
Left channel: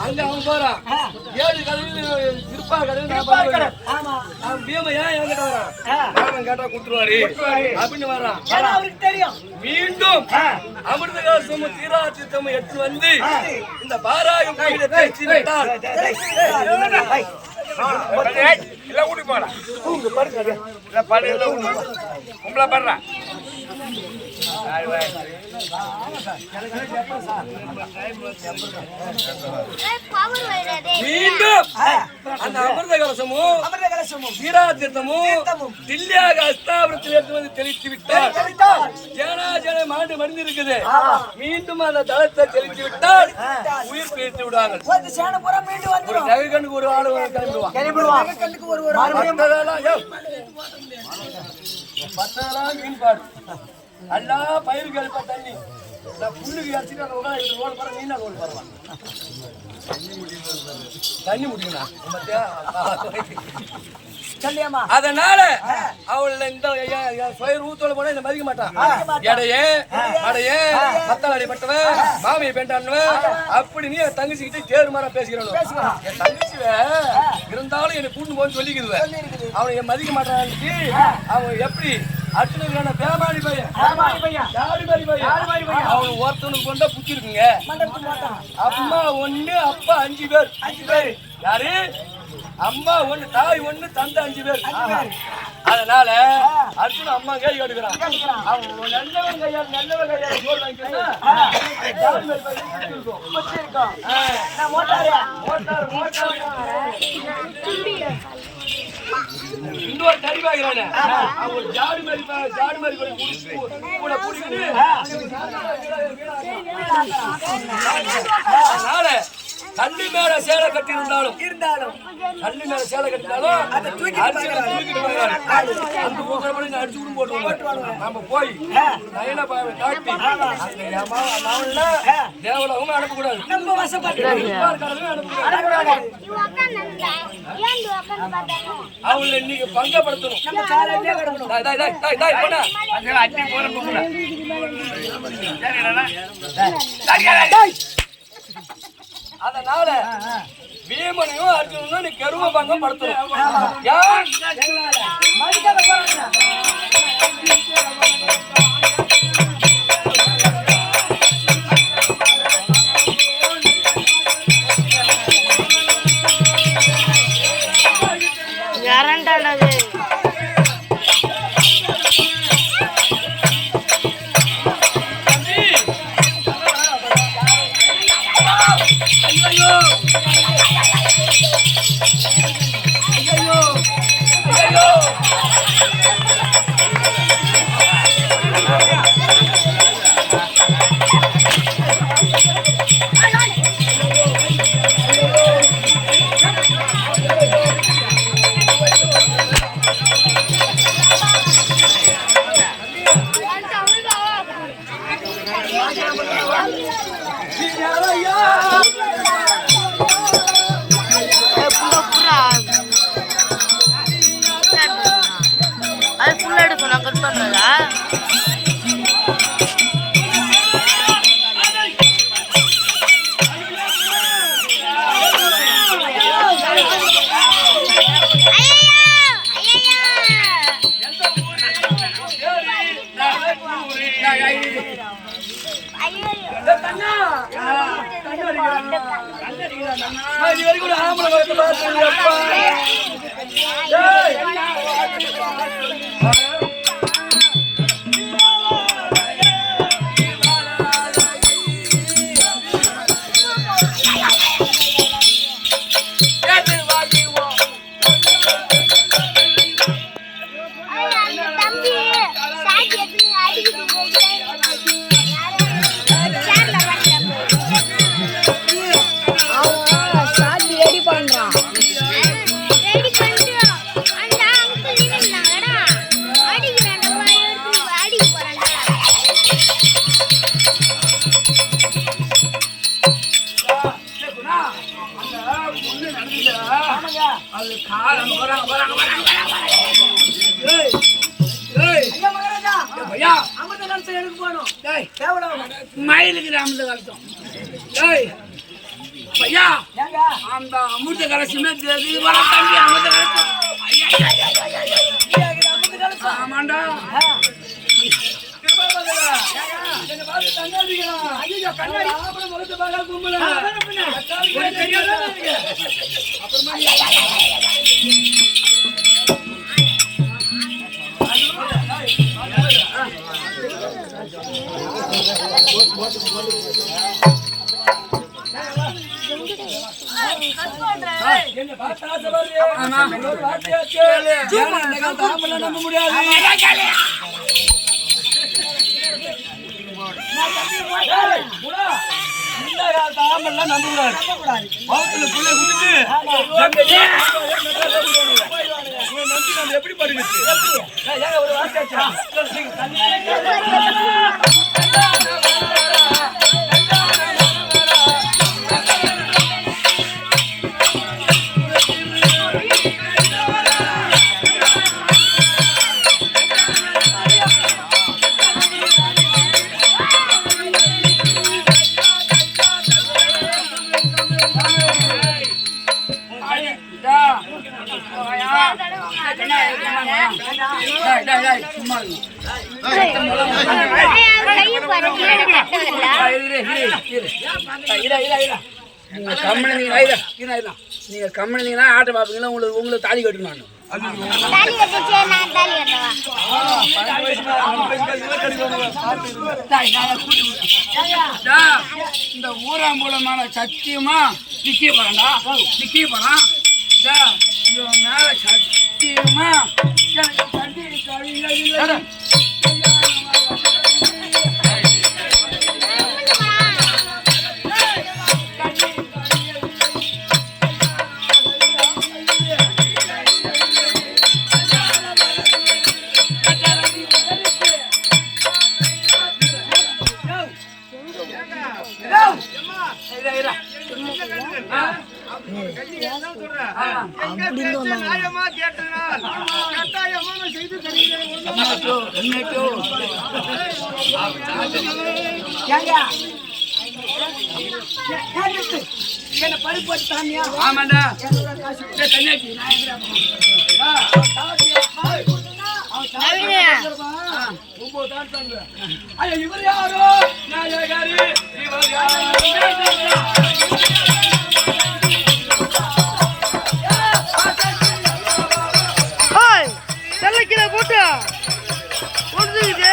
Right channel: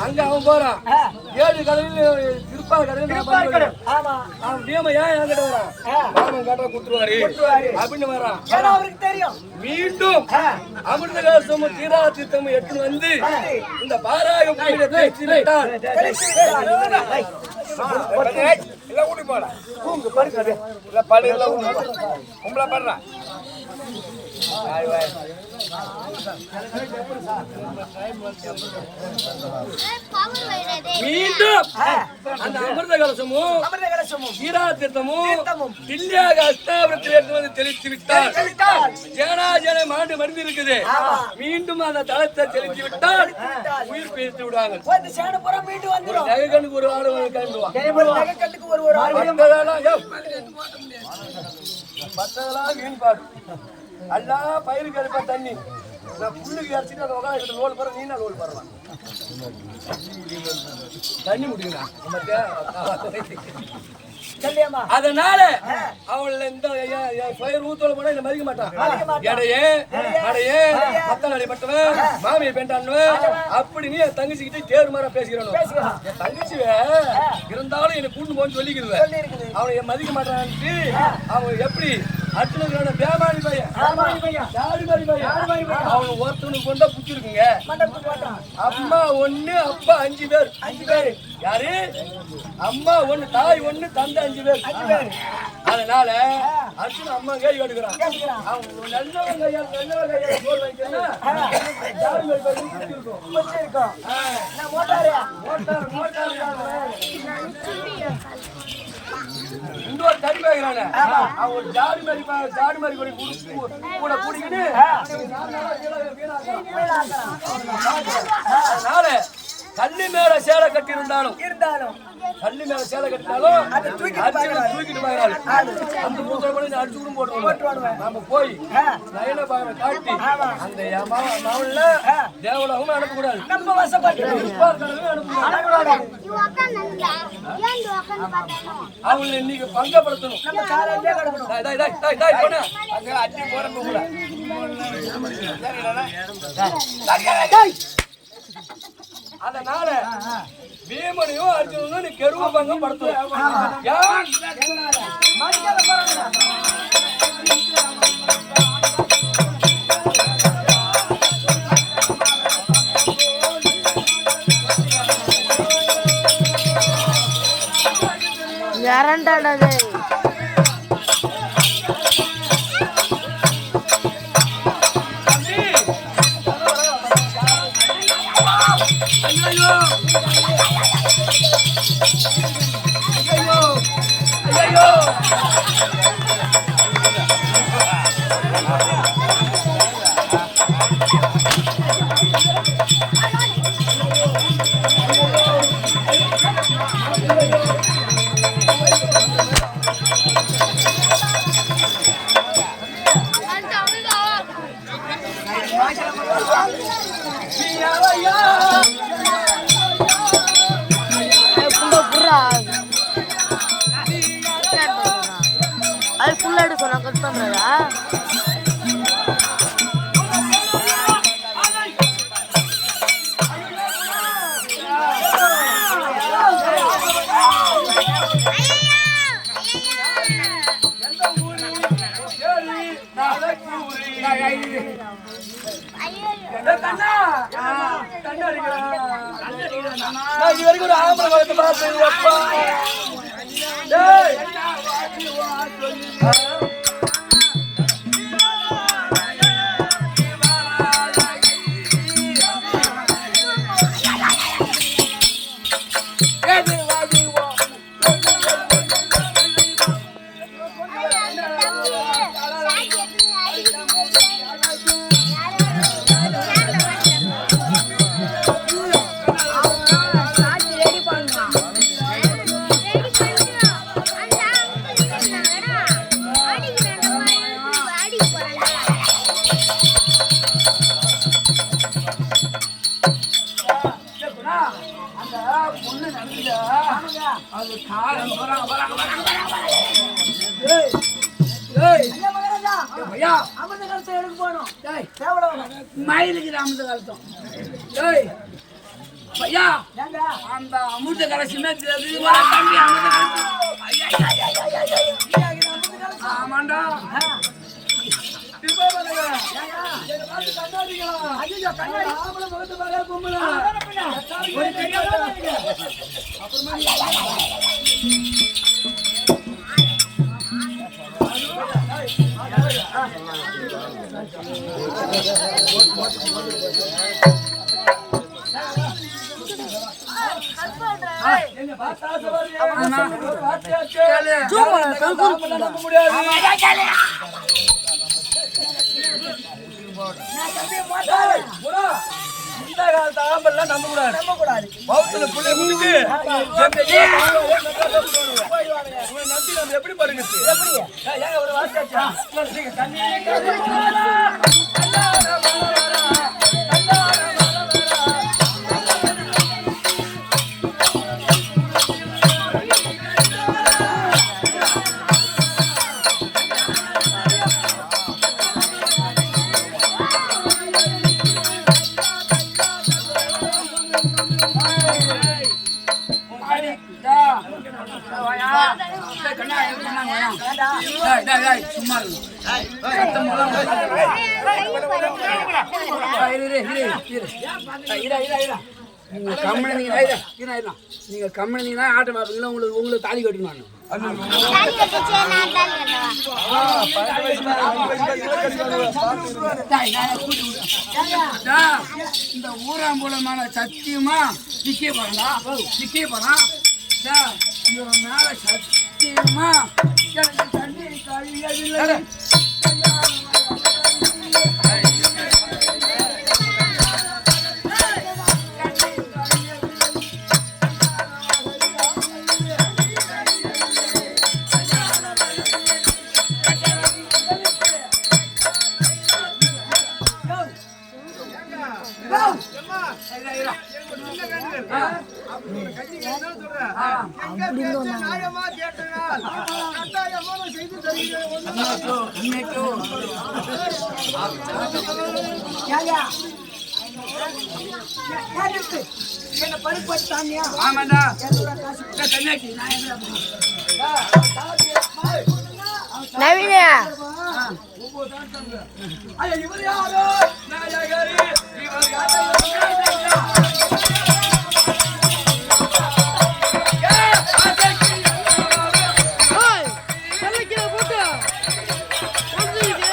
அங்க அவன் போறான். 7 கடலில் திருப்பா கடலில் நான் பண்ணுவேன். அவன் பீம ஏன் என்கிட்ட வரான்? ராமன் கேட்டா கொடுத்துருவாரு அப்படின்னு வரான். மீண்டும் அமிர்த கலசமும் தீராத்தீர்த்தமும் எடுத்து வந்து இந்த பாராய கோயிலை தெரிச்சு விட்டால் மீண்டும் அந்த அமிர்த கலசமும் தீராத்தீர்த்தமும் தில்லியாக அஸ்தாபுரத்தில் எடுத்து வந்து தெளித்து விட்டால் ஜேனாஜனை மாண்டு மடிந்து இருக்குது. மீண்டும் அந்த தளத்தை தெளித்து விட்டால் உயிர் பிரித்து விடுவாங்க. ஒரு நகைக்கண்ணுக்கு ஒரு ஆடு கிளம்பிடுவான். மீன்பாடு அல்லா பயிர் கழிப்பா தண்ணி புல்லுக்கு அடிச்சுட்டு அந்த உட்காந்து ரோல் போற நீனா ரோல் போறலாம் தண்ணி முடியும்னா அதனால அவள் இந்த ஊத்தோல போனா இந்த மதிக்க மாட்டான். எடையே மத்தம் அடிப்பட்டவன் மாமியை பெண்டான்னுவன் அப்படி நீ என் தங்கச்சிக்கிட்டே தேர் மாதிரி பேசிக்கிறோம். என் தங்கச்சி இருந்தாலும் என்னை கூட்டு போன்னு சொல்லிக்குதுவேன். அவனை என் மதிக்க மாட்டான்ட்டு அவன் எப்படி அர்ஜுனுக்கான பேமானி பையன் அவன் ஒருத்தனுக்கு கொண்டா புச்சிருக்குங்க. அம்மா 1 அப்பா 5 பேர். யாரு? அம்மா 1 தாய் 1 தந்தை 5 பேர். அதனால அர்ஜுன் அம்மா கை கட்டுக்கிறான். அவன் நல்லவன் கையால சோறு வாங்கிக்கணும்னா இன்னொரு தடி வாங்கிறானே அவன் ஒரு ஜாடி மாதிரி கூட கூடிக்கிட்டு அதனால கல்லு மேல சேலை கட்டி இருந்தாலும் கல்லு மேல சேலை கட்டினாலும் தூக்கிட்டு வாங்குறாரு. அந்த பூத்தரை கூட அடிச்சு கூட போட்டுருவாங்க. நம்ம போய் நயன பாவை காட்டி அந்த மாவன்ல தேவலோகம் அனுப்பக்கூடாது. நம்ம அவங்கள இன்னைக்கு பங்கப்படுத்தணும். நம்ம காலையிலே கிடக்கணும். அதனால பீமனையும் அர்ஜுனனும் நீ கெருவ பங்கம் படுத்தணும். யாரண்டானது அது ஃபுல்லா எடுக்கும் நான் கட் பண்றதா இது வரைக்கும் ஒரு ஆம்பளை மயிலுக்கு அமிர்த கலத்தம் ஐயா அந்த அமிர்த கலசமே தம்பி அமிர்த கலத்தம் ஆமாண்டா நம்ப முடியாது இந்த காலத்து ஆம்பெல்லாம் நம்ப கூடாது பௌத்துல புள்ளை குடிச்சு நம்பி நம்ம எப்படி படுங்க ஏங்க ஒரு வார்த்தை தண்ணி சும்மா நீங்க கம்மினீங்கன்னா ஆட்டை பார்ப்பீங்களா உங்களுக்கு தாலி கட்டணும் இந்த ஊராம்பூலமான சத்தியமா நிக்க போறான் மேல சத்தியமா எனக்கு தண்ணி கழியவில்லை என்ன பருப்பு தானியா ஆமாண்டா தண்ணியாச்சு இவர் யாரோ நாயகாரி இவர் யாரோ செல்லக்கிற போட்டு ஒன்றுது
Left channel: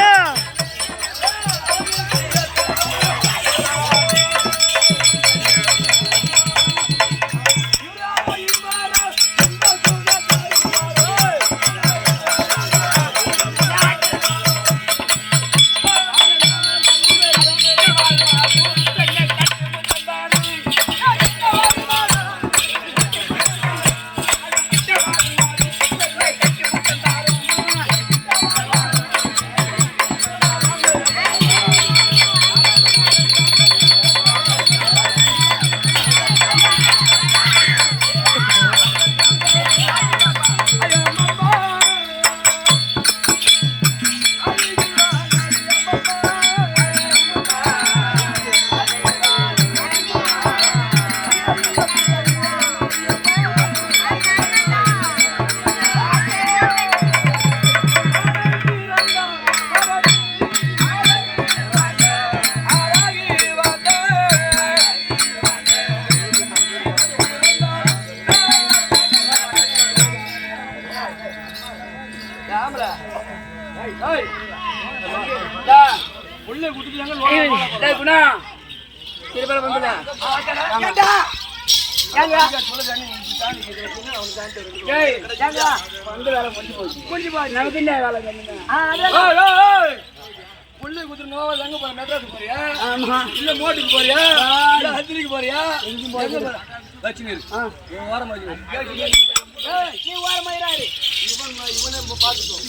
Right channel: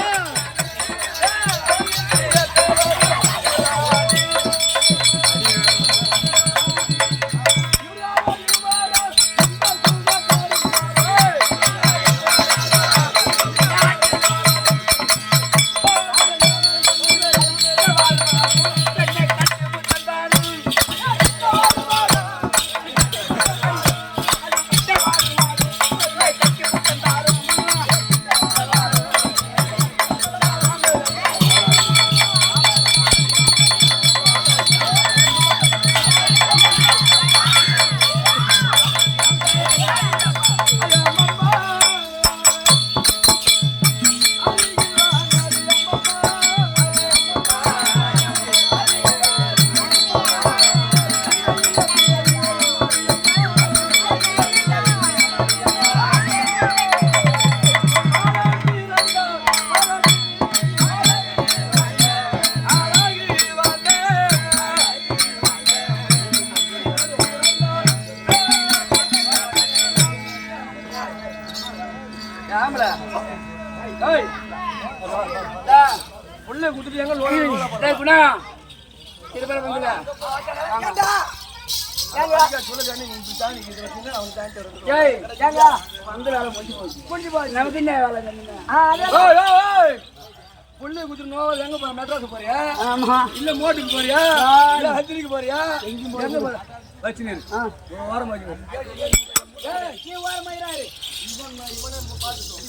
ஏண்டா? ஏங்க? ஏய் ஏங்க? முடிஞ்சு போச்சு. நமக்கு என்ன வேலை வேணுங்க? அதே ஏய், ஏய், ஏய். புள்ளை குத்துறணும் எங்க போற மெட்ராஸ் போறியா இல்ல மோட்டுக்கு போறியா இல்ல ஹத்திரிக்கு போறியா எங்க போற வச்சுனீரு வாரம் வச்சு ஏய், நீ ஓரமா இரு. இவனை பாத்துட்டோம்